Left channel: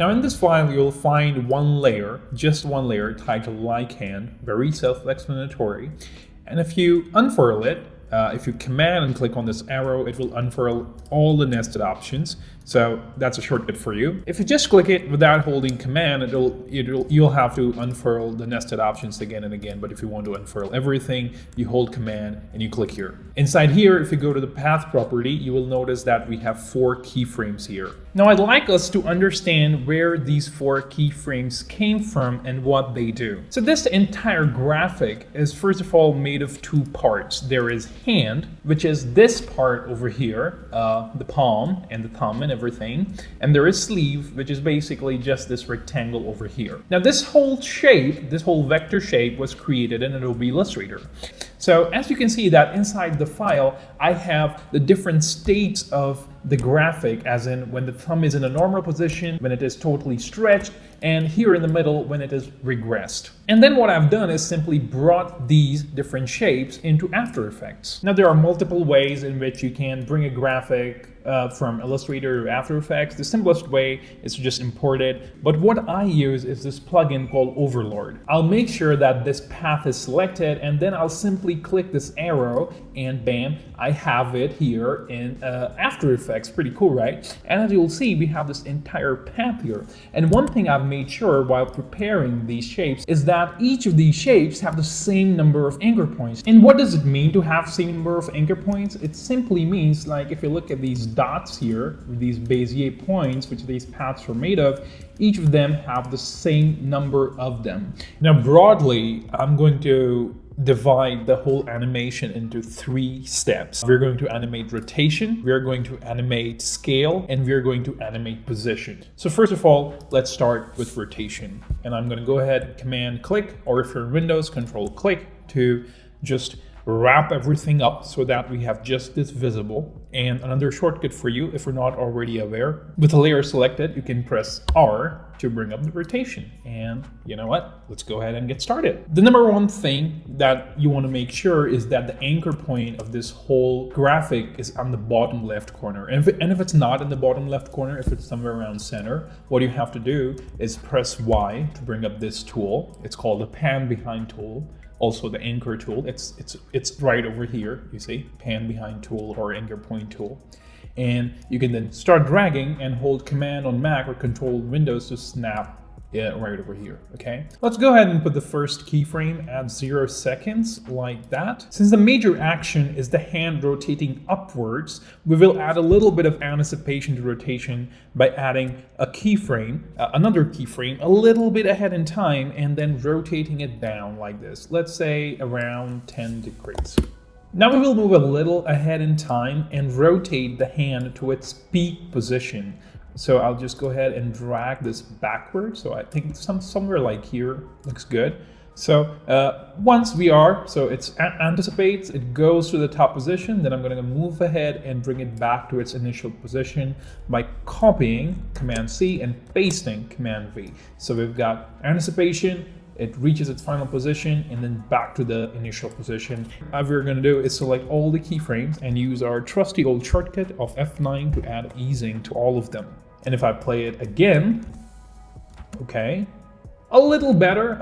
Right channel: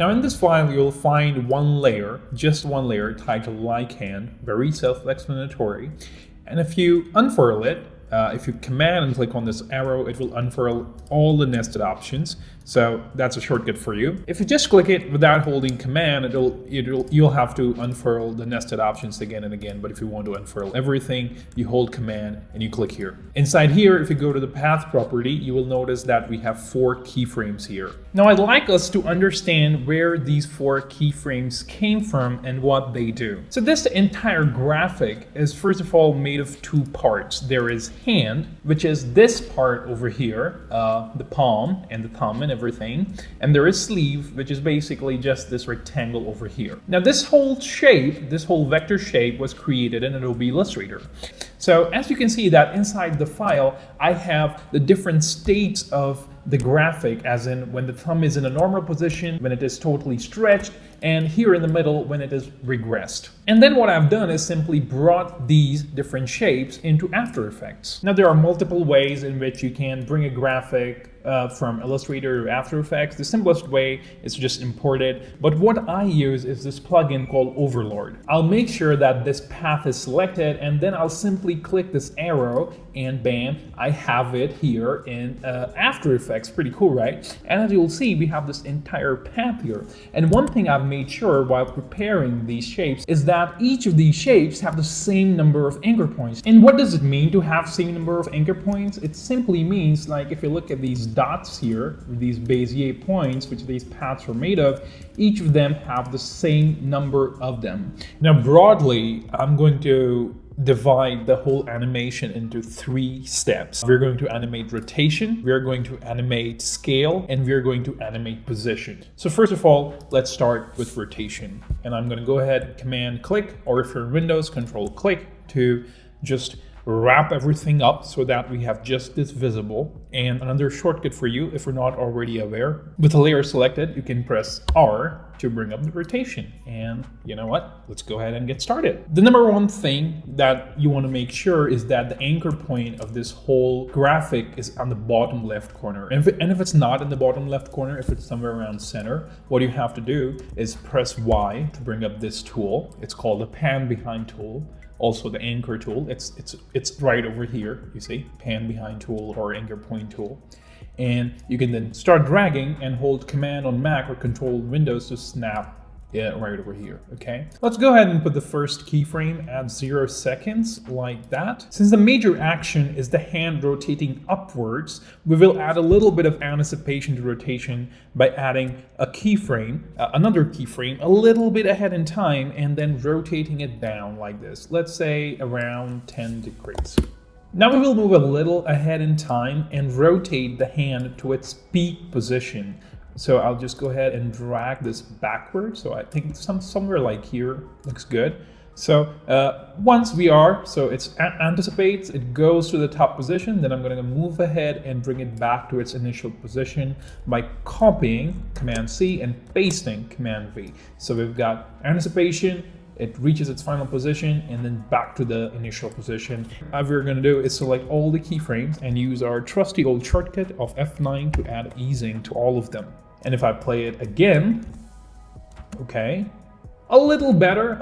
Now in this file, you'll find one layer, just one layer titled Like Hand, very self-explanatory. And if you unfurl it, if you command and click on this arrow, it will unfurl all the nested options. So that's a shortcut for you. If you just click it without holding command, you'll have to unfurl the nested options again and again. But if you want to unfurl everything, you hold command and you click here. Inside here, if you go to the path property, you will notice that we have 4 keyframes here. Now I'd like us to understand where these 4 keyframes came from and what they do. So this entire graphic is first of all made of 2 parts. There is hand, which is this part over here, the palm and the thumb and everything, and there is sleeve, which is basically just this rectangle over here. Now this whole shape, this whole vector shape was created in Adobe Illustrator. So as you can see that inside the file, I have the different states of the graphic, as in when the thumb is in a normal position, when it is totally stretched, and here in the middle when it is regressed. And then what I've done is simply brought these different shapes into After Effects. Now there are multiple ways in which you can bring a graphic from Illustrator to After Effects. The simplest way is to just import it, but what I use is this plugin called Overlord. I'll make sure that this path is selected, and then I'll simply click this arrow and bam, I have it here in After Effects. Pretty cool, right? And as you'll see, we have this entire path here. And one thing I've made sure while preparing these shapes is that each of these shapes have the same number of anchor points. And what does it mean to have the same number of anchor points? It simply means, like, if you look at these dots here, these Bezier points, which these paths are made of, each of them have the same number of them. Now broadly, I'm going to divide the whole animation into 3 steps. We're going to animate rotation, we're going to animate scale, and we're going to animate position. So first of all, let's start with rotation. And I'm going to go ahead and command click, or if you're in Windows, control click to just wrap everything up so that we have just this visible. And another shortcut for you, if you're not already aware, with a layer selected, you can press R to bring up the rotation. And you know what? Let's go ahead and get started. The number one thing that you want to make sure is that the anchor point of this whole graphic is on the bottom left corner. And if it's not in the bottom left corner, if it's somewhere around center, what you have to do is press Y to bring up this tool. It's called the pan behind tool. Also the anchor tool, it's right over here, you see, pan behind tool or anchor point tool. And you can then start dragging and hold command on Mac or control Windows to snap it right over here, okay? Let's go ahead and put the first keyframe at 0 seconds, like that. Since the major action is the hand rotating upwards, we will add a little bit of anticipation to rotation by adding a keyframe, another keyframe, a little bit ahead in time, and then rotating it down like this. Let's say around 10 degrees. Now we will move a little ahead in time and rotate the hand to its peak position. So I'll just go ahead and drag this backwards. So I think somewhere like here looks good. So once we are, so it anticipates, it goes to the top position, then I'm going to move ahead and bring it back to its initial position by copying Command C and pasting Command V. So we've got anticipation, it reaches its final position, and then back to the initial position. What we're going to do is select all the keyframes and use our trusty old shortcut of F9 to add easing to all of them. And if I play it again, okay, a little better,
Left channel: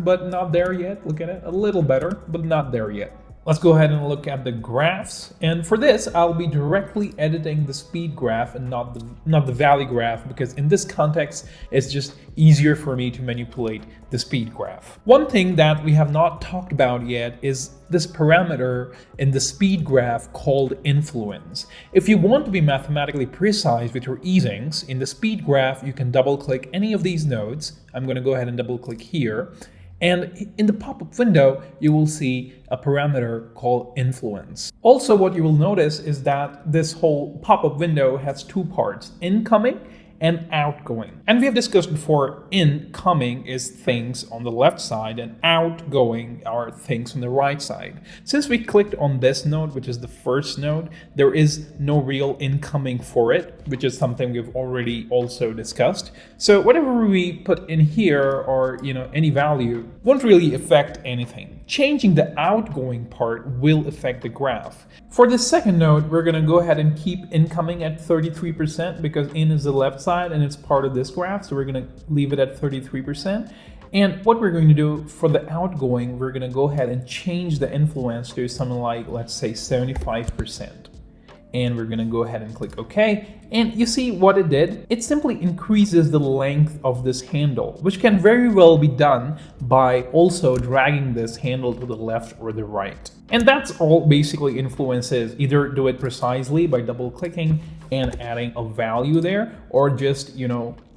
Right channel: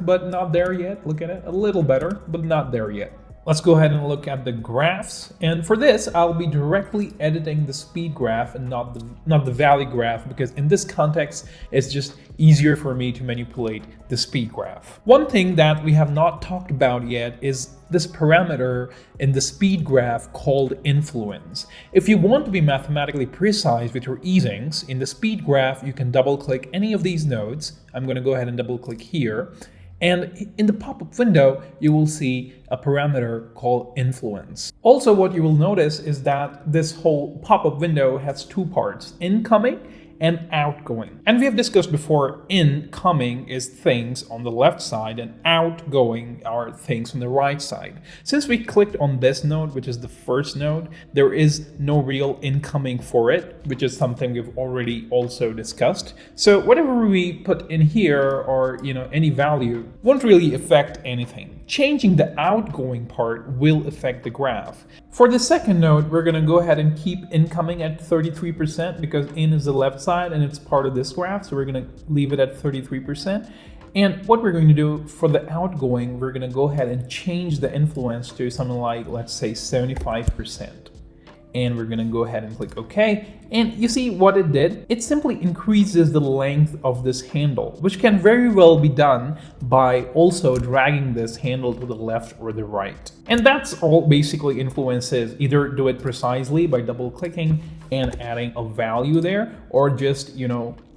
but not there yet. Look at it, a little better, but not there yet. Let's go ahead and look at the graphs. And for this, I'll be directly editing the speed graph and not the valley graph, because in this context, it's just easier for me to manipulate the speed graph. One thing that we have not talked about yet is this parameter in the speed graph called influence. If you want to be mathematically precise with your easings, in the speed graph, you can double click any of these nodes. I'm going to go ahead and double click here. And in the pop-up window, you will see a parameter called influence. Also, what you will notice is that this whole pop-up window has 2 parts, incoming and outgoing. And we have discussed before, incoming is things on the left side and outgoing are things on the right side. Since we clicked on this node, which is the first node, there is no real incoming for it, which is something we've already also discussed. So whatever we put in here, or any value, won't really affect anything. Changing the outgoing part will affect the graph. For the second node, we're going to go ahead and keep incoming at 33% because in is the left side side and it's part of this graph, so we're going to leave it at 33%. And what we're going to do for the outgoing, we're going to go ahead and change the influence to something like, let's say 75%. And we're going to go ahead and click OK. And you see what it did? It simply increases the length of this handle, which can very well be done by also dragging this handle to the left or the right. And that's all basically influence is. Either do it precisely by double clicking and adding a value there, or just,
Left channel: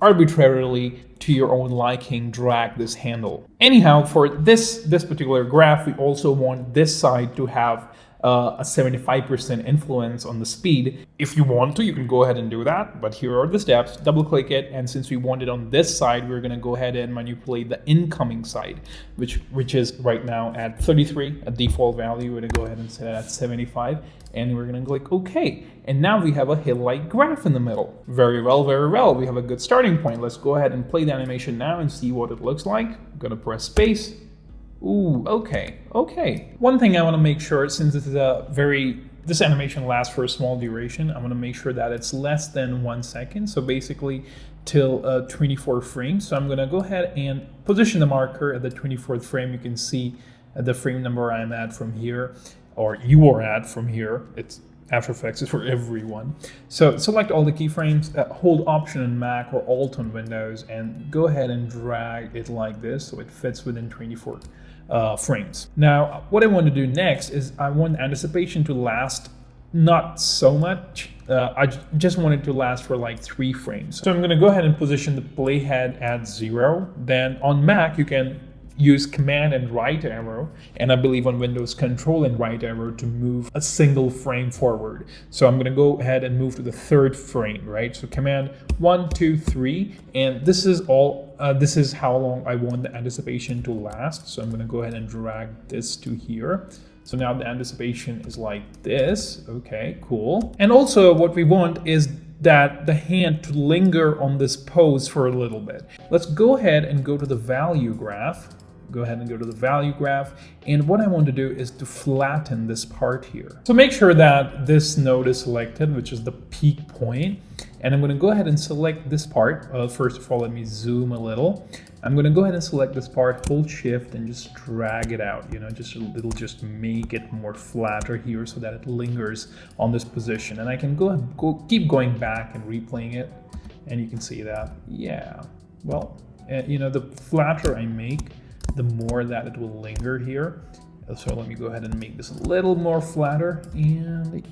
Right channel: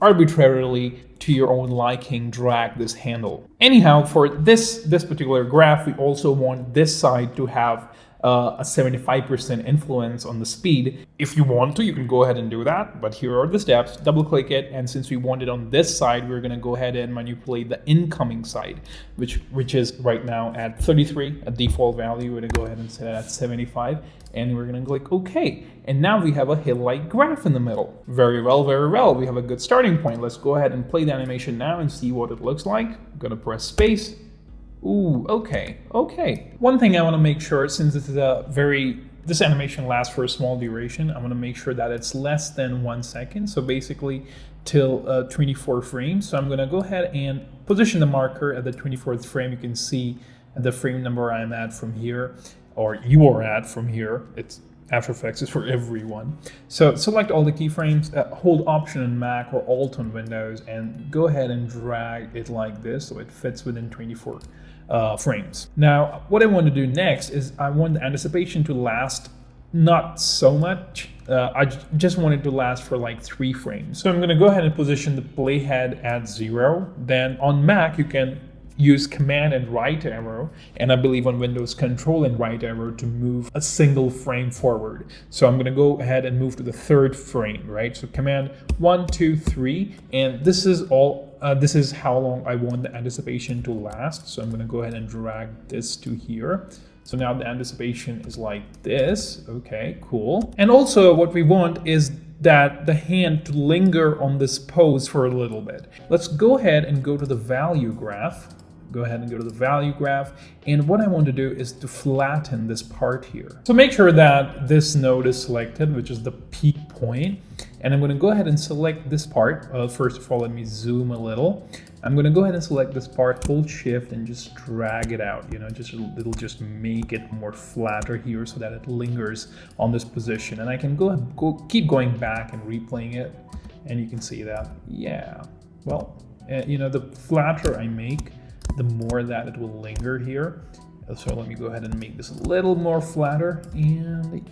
arbitrarily to your own liking, drag this handle. Anyhow, for this particular graph, we also want this side to have a 75% influence on the speed. If you want to, you can go ahead and do that, but here are the steps. Double click it, and since we want it on this side, we're going to go ahead and manipulate the incoming side, which is right now at 33, a default value. We're going to go ahead and set it at 75, and we're going to click OK. And now we have a hill-like graph in the middle. Very well, very well. We have a good starting point. Let's go ahead and play the animation now and see what it looks like. I'm going to press space. Ooh, okay. One thing I want to make sure, since this is this animation lasts for a small duration, I want to make sure that it's less than 1 second. So basically till 24 frames. So I'm going to go ahead and position the marker at the 24th frame. You can see the frame number I'm at from here, or you are at from here. It's After Effects is for everyone. So select all the keyframes, hold Option on Mac or Alt on Windows, and go ahead and drag it like this so it fits within 24 frames. Now, what I want to do next is I want the anticipation to last not so much. I just want it to last for like 3 frames. So I'm going to go ahead and position the playhead at 0. Then on Mac, you can use Command and right arrow, and I believe on Windows Control and right arrow to move a single frame forward. So I'm going to go ahead and move to the 3rd frame, right? So Command 1, 2, 3, and this is all. This is how long I want the anticipation to last. So I'm going to go ahead and drag this to here. So now the anticipation is like this. Okay, cool. And also what we want is that the hand to linger on this pose for a little bit. Let's go ahead and go to the value graph. Go ahead and go to the value graph. And what I want to do is to flatten this part here. So make sure that this node is selected, which is the peak point. And I'm going to go ahead and select this part. First of all, let me zoom a little. I'm going to go ahead and select this part, hold Shift, and just drag it out. It'll just make it more flatter here so that it lingers on this position. And I can keep going back and replaying it, and you can see that, yeah. Well, the flatter I make, the more that it will linger here. So let me go ahead and make this a little more flatter, and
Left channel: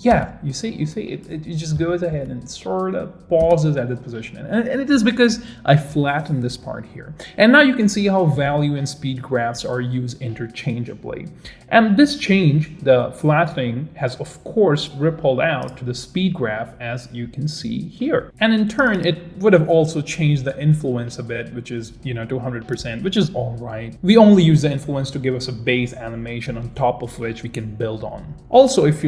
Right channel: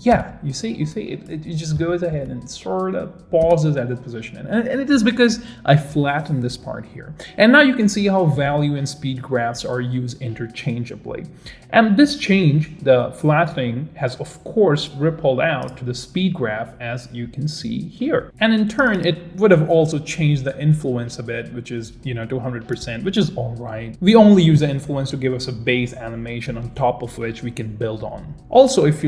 yeah, you see, it just goes ahead and sort of pauses at the position. And it is because I flattened this part here. And now you can see how value and speed graphs are used interchangeably. And this change, the flattening, has of course rippled out to the speed graph, as you can see here. And in turn, it would have also changed the influence a bit, which is, to 100%, which is all right. We only use the influence to give us a base animation on top of which we can build on. Also, if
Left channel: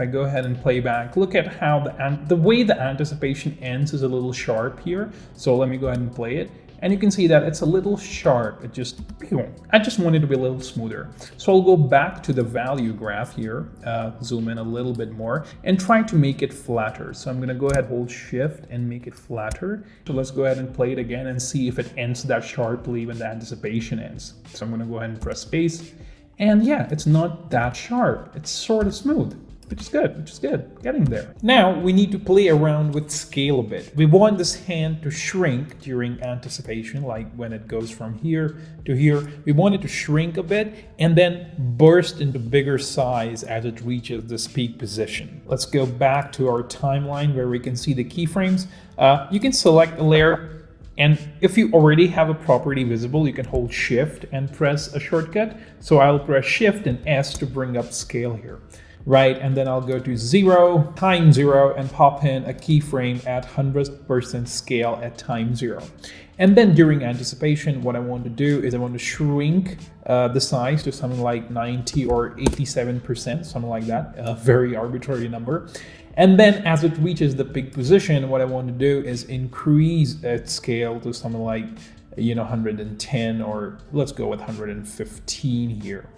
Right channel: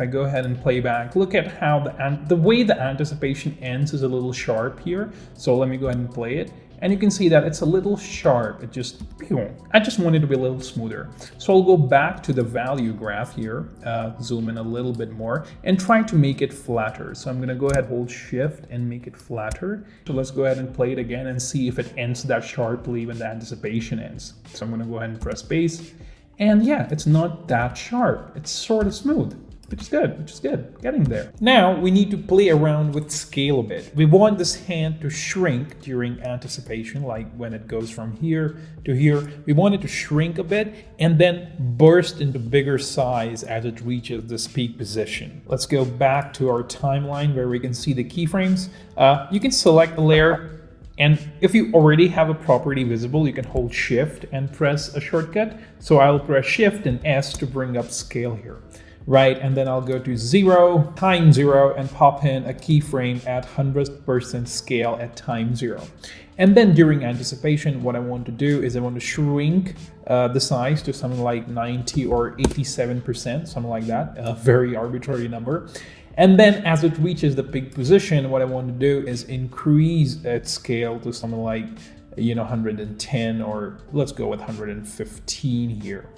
I go ahead and play back, look at how the way the anticipation ends is a little sharp here. So let me go ahead and play it. And you can see that it's a little sharp. I just want it to be a little smoother. So I'll go back to the value graph here, zoom in a little bit more, and try to make it flatter. So I'm going to go ahead, hold Shift, and make it flatter. So let's go ahead and play it again and see if it ends that sharply when the anticipation ends. So I'm going to go ahead and press space. And yeah, it's not that sharp. It's sort of smooth. Which is good, getting there. Now we need to play around with scale a bit. We want this hand to shrink during anticipation, like when it goes from here to here. We want it to shrink a bit and then burst into bigger size as it reaches this peak position. Let's go back to our timeline where we can see the keyframes. You can select the layer, and if you already have a property visible, you can hold Shift and press a shortcut. So I'll press Shift and S to bring up scale here. Right, and then I'll go to 0, time 0, and pop in a keyframe at 100% scale at time 0. And then during anticipation, what I want to do is I want to shrink the size to something like 90 or 87%, something like that, a very arbitrary number. And then as it reaches the peak position, what I want to do is increase its scale to something like 110, or let's go with 115 here.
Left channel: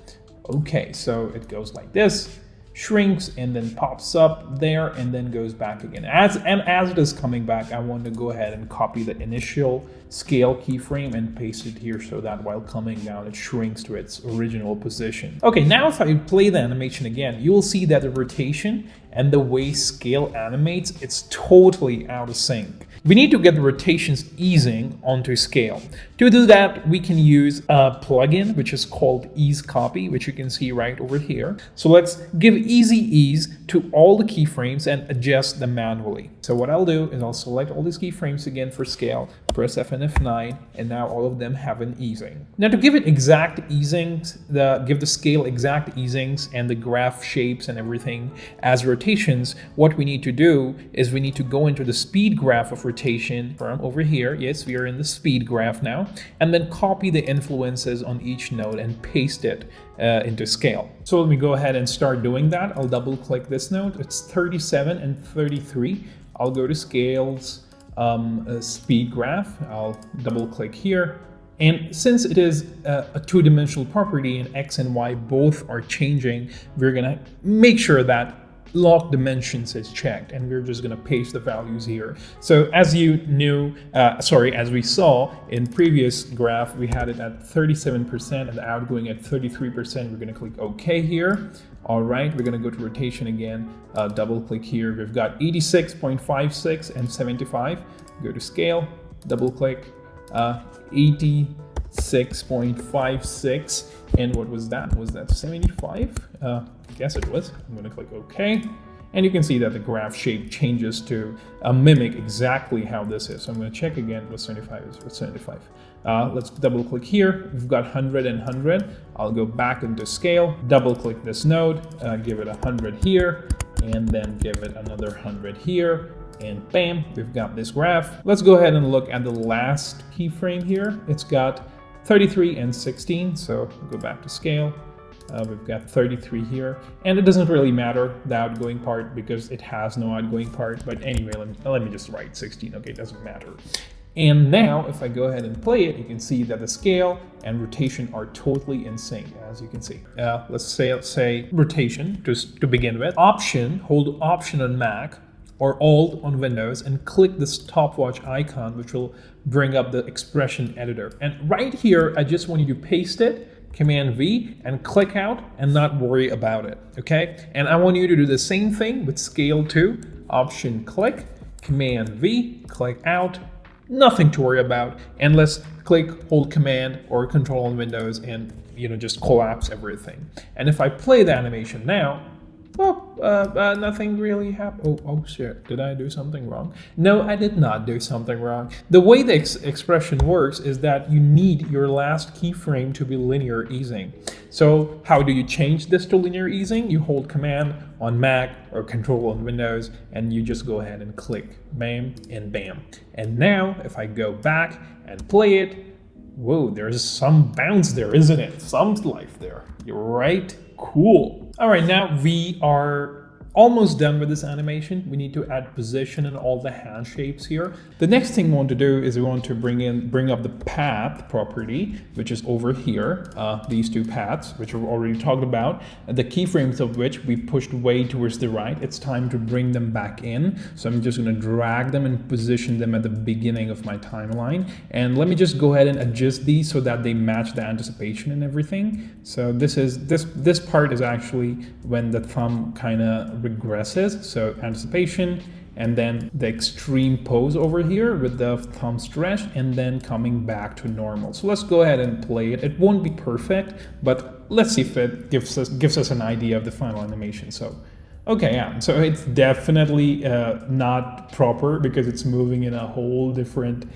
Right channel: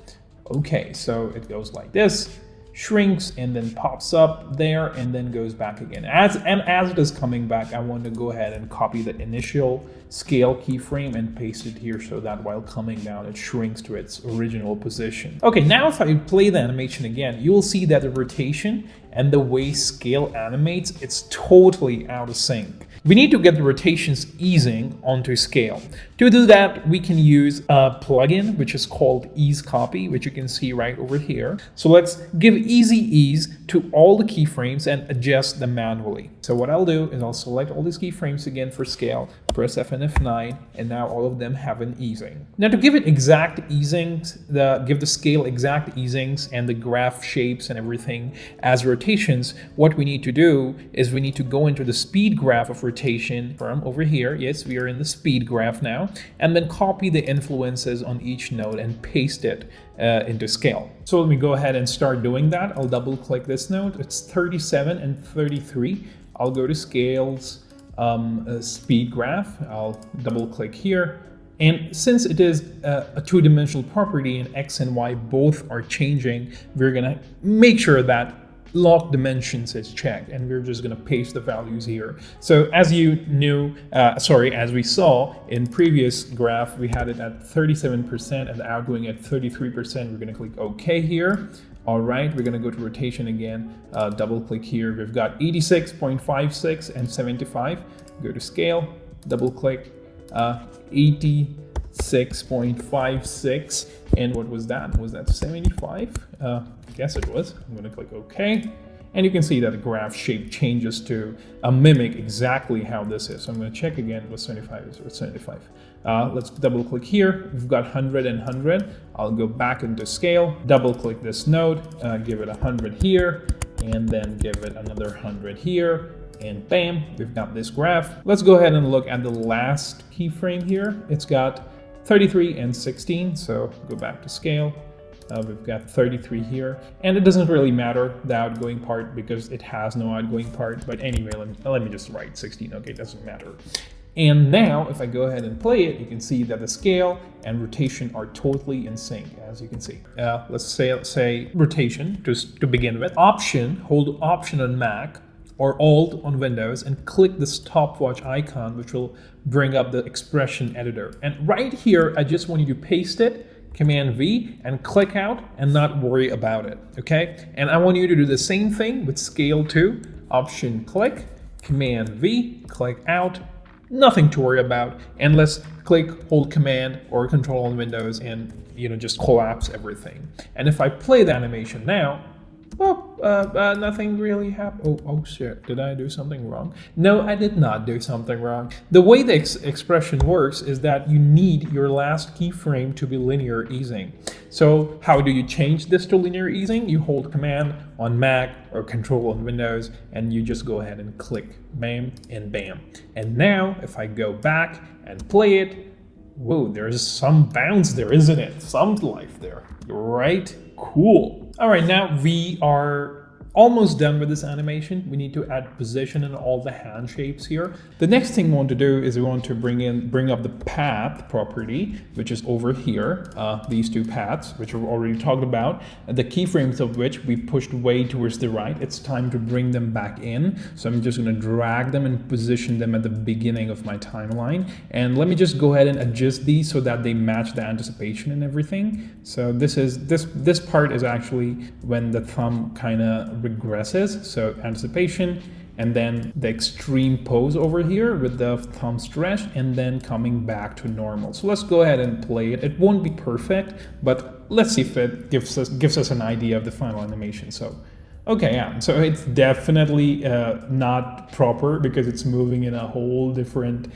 Okay, so it goes like this. shrinks and then pops up there and then goes back again. As it is coming back, I want to go ahead and copy the initial scale keyframe and paste it here so that while coming down it shrinks to its original position. Okay, now if I play the animation again, you'll see that the rotation and the way scale animates, it's totally out of sync. We need to get the rotations easing onto scale. To do that, we can use a plugin which is called Ease Copy, which you can see right over here. So let's give easy ease to all the keyframes and adjust them manually. So what I'll do is I'll select all these keyframes again for scale, press F and F9, and now all of them have an easing. Now to give it exact easings, give the scale exact easings and the graph shapes and everything as rotations, what we need to do is we need to go into the speed graph of rotation from over here. Yes, we are in the speed graph now, and then copy the influences on each node and paste it into scale. So let me go ahead and start doing that. I'll double click this node. It's 37 and 33. I'll go to scales, speed graph. I'll double click here. And since it is a two-dimensional property and X and Y both are changing, we're gonna make sure that lock dimensions is checked, and we're just going to paste the values here. So as you knew, as we saw in previous graph, we had it at 37% and the outgoing at 33%. We're going to click OK here. All right, we're going to go to rotation again, double click here. We've got 86.56 and 75. Go to scale, double click, 86.56, and what was that? Was that 75? Guess it was. I'm going to click OK, and you can see that the graph shape changes to mimic exactly how this is. So I'm going to check again. It was 75. It was 75. Let's double click here. We've got 100 and 100. I'll go back into scale, double click this node, give it 100 here, and then give it another 100 here, and bam, we've got this graph. Let's go ahead and look at the last keyframe here. It's got 33 and 16. So go back to scale. We've got 33 here, and it doesn't really matter, the outgoing part, because it has no outgoing part. But anyway, let me just write 16. Okay, it doesn't matter. And now, if I go ahead and play it, you can see that the scale and rotation are totally in sync, as you can see. Let's say rotation, just to begin with. Hold Option on Mac, or Alt on Windows, and click the stopwatch icon, which will bring up the expression editor. And right here, I just want you to paste it, Command V, and click out and not worry about it, okay? And I want you to do the same thing with scale too. Option click, Command V, click out, nothing to worry about. And let's hold Command or Control on Windows and just collapse everything. And if I play the animation now, nothing really happened. Oh shit, did I do something wrong? No, I did not do something wrong. The way the expression works is that you need your last keyframe to be linear easing. So how do you change this to linear easing? You hold Command on Mac or Control on Windows, and you just go ahead and click bam and bam. And now if I go back and play it, whoa, there's some bounce there, isn't it? Some life there. You're right. Cool. All right, now we are almost done with this animation. We need to add position in all the hand shapes here. The next thing we want to do is we want to bring up the path property, which is over here. These two paths, which we've already talked about, the keyframes of which we pushed way towards the right. It's time to bring them back in. So I'm just going to drag them and position them at the beginning of my timeline. And let me just go ahead and adjust these so that they match the anticipation and everything. So this part is actually when the thumb kind of regresses. So anticipation, and then the extreme pose over here with the thumb stretch, and then coming back to normal. So let's go ahead and play it. It won't be perfect, but let's see if it gives us an idea of the final animation. So okay, yeah, so it's definitely not proper because it's moving in a whole different,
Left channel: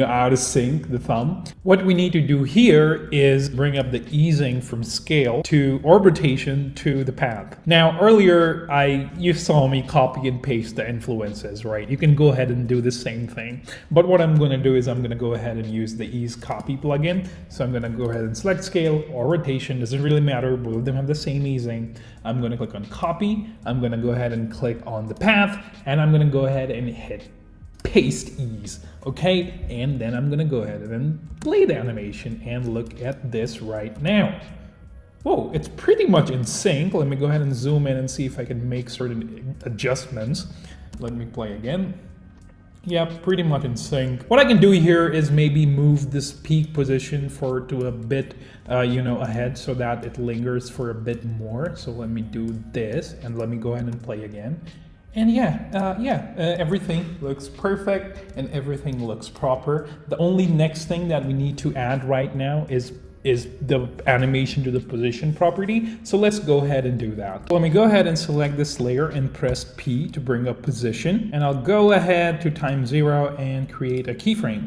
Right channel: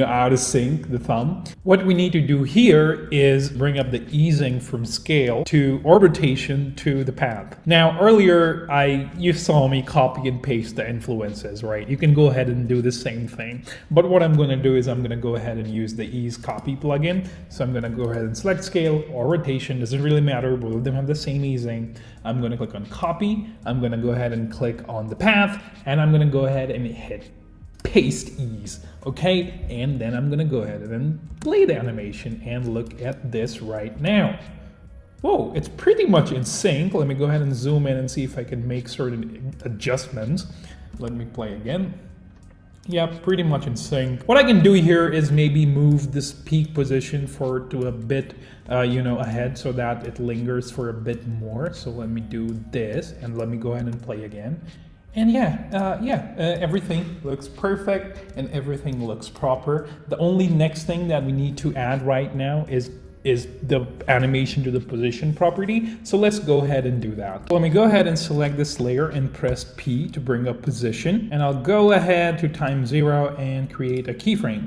out of sync, the thumb. What we need to do here is bring up the easing from scale or rotation to the path. Now, earlier, you saw me copy and paste the influences, right? You can go ahead and do the same thing. But what I'm going to do is I'm going to go ahead and use the Ease Copy plugin. So I'm going to go ahead and select scale or rotation. Doesn't really matter. Both of them have the same easing. I'm going to click on copy. I'm going to go ahead and click on the path, and I'm going to go ahead and hit paste ease, okay? And then I'm going to go ahead and play the animation and look at this right now. Whoa, it's pretty much in sync. Let me go ahead and zoom in and see if I can make certain adjustments. Let me play again. Yeah, pretty much in sync. What I can do here is maybe move this peak position to a bit, ahead so that it lingers for a bit more. So let me do this and let me go ahead and play again. And everything looks perfect and everything looks proper. The only next thing that we need to add right now is the animation to the position property. So let's go ahead and do that. Let me go ahead and select this layer and press P to bring up position. And I'll go ahead to time 0 and create a keyframe.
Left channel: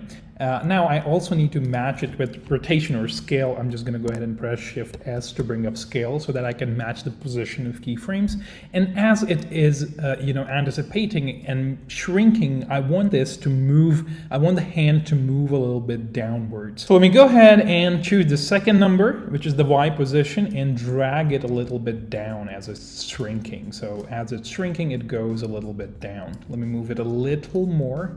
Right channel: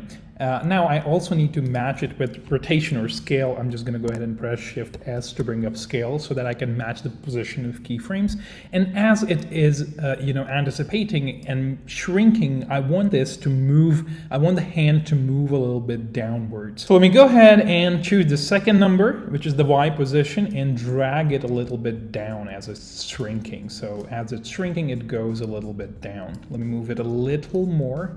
Now I also need to match it with rotation or scale. I'm just going to go ahead and press Shift S to bring up scale so that I can match the position of keyframes. And as it is, anticipating and shrinking, I want this to move. I want the hand to move a little bit downwards. So let me go ahead and choose the second number, which is the Y position, and drag it a little bit down as it's shrinking. So as it's shrinking, it goes a little bit down. Let me move it a little more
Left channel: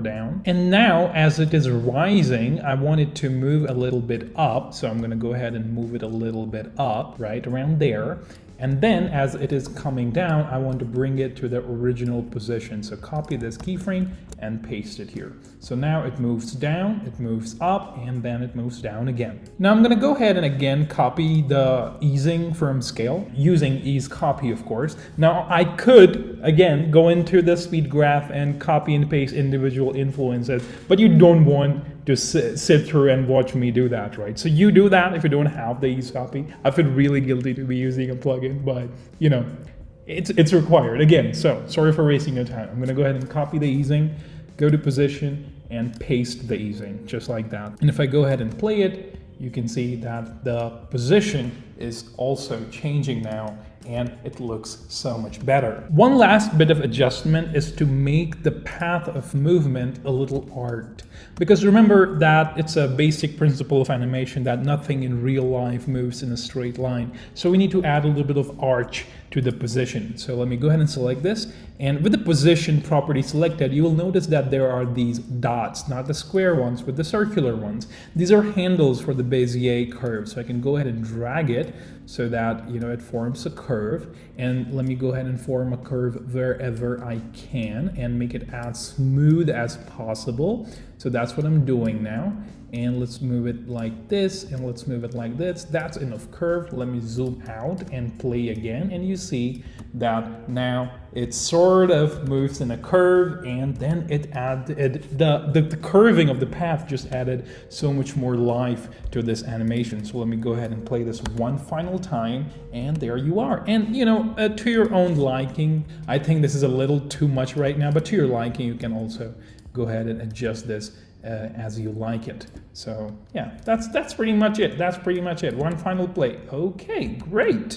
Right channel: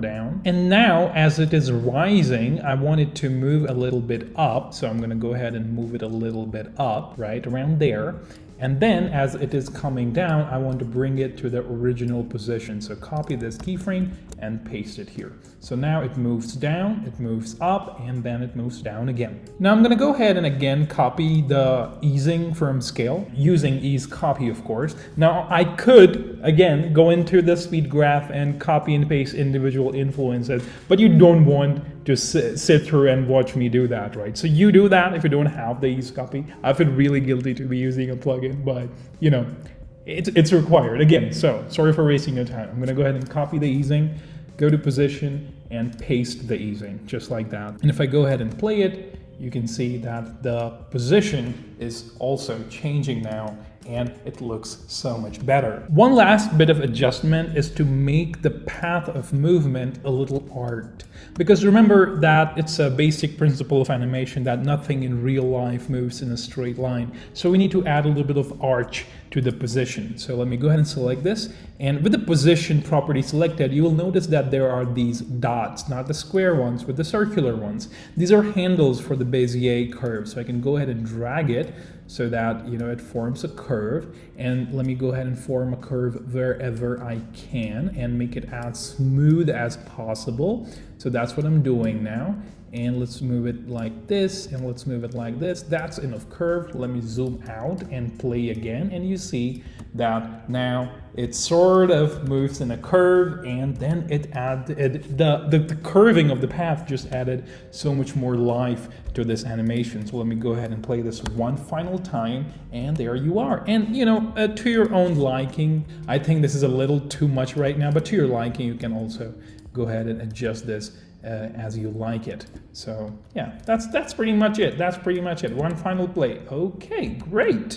down. And now, as it is rising, I want it to move a little bit up. So I'm going to go ahead and move it a little bit up, right around there. And then as it is coming down, I want to bring it to the original position. So copy this keyframe and paste it here. So now it moves down, it moves up, and then it moves down again. Now I'm going to go ahead and again copy the easing from scale, using ease copy, of course. Now I could, again, go into the speed graph and copy and paste individual influences, but you don't want to sit through and watch me do that, right? So you do that if you don't have the ease copy. I feel really guilty to be using a plugin, but it's required again. So sorry for wasting your time. I'm going to go ahead and copy the easing, go to position, and paste the easing just like that. And if I go ahead and play it, you can see that the position is also changing now, and it looks so much better. One last bit of adjustment is to make the path of movement a little arced. Because remember that it's a basic principle of animation that nothing in real life moves in a straight line. So we need to add a little bit of arch to the position. So let me go ahead and select this. And with the position property selected, you will notice that there are these dots, not the square ones, but the circular ones. These are handles for the Bezier curve. So I can go ahead and drag it so that it forms a curve. And let me go ahead and form a curve wherever I can and make it as smooth as possible. So that's what I'm doing now. And let's move it like this, and let's move it like this. That's enough curve. Let me zoom out and play again, and you see that now it sort of moves in a curve, and then it added the curving of the path just added so much more life to this animation. So let me go ahead and play this one final time, and there you are. And to your own liking, I think this is a little too much right now, but to your liking, you can also go ahead and adjust this as you like it. So yeah, that's pretty much it. One final play. Okay, great.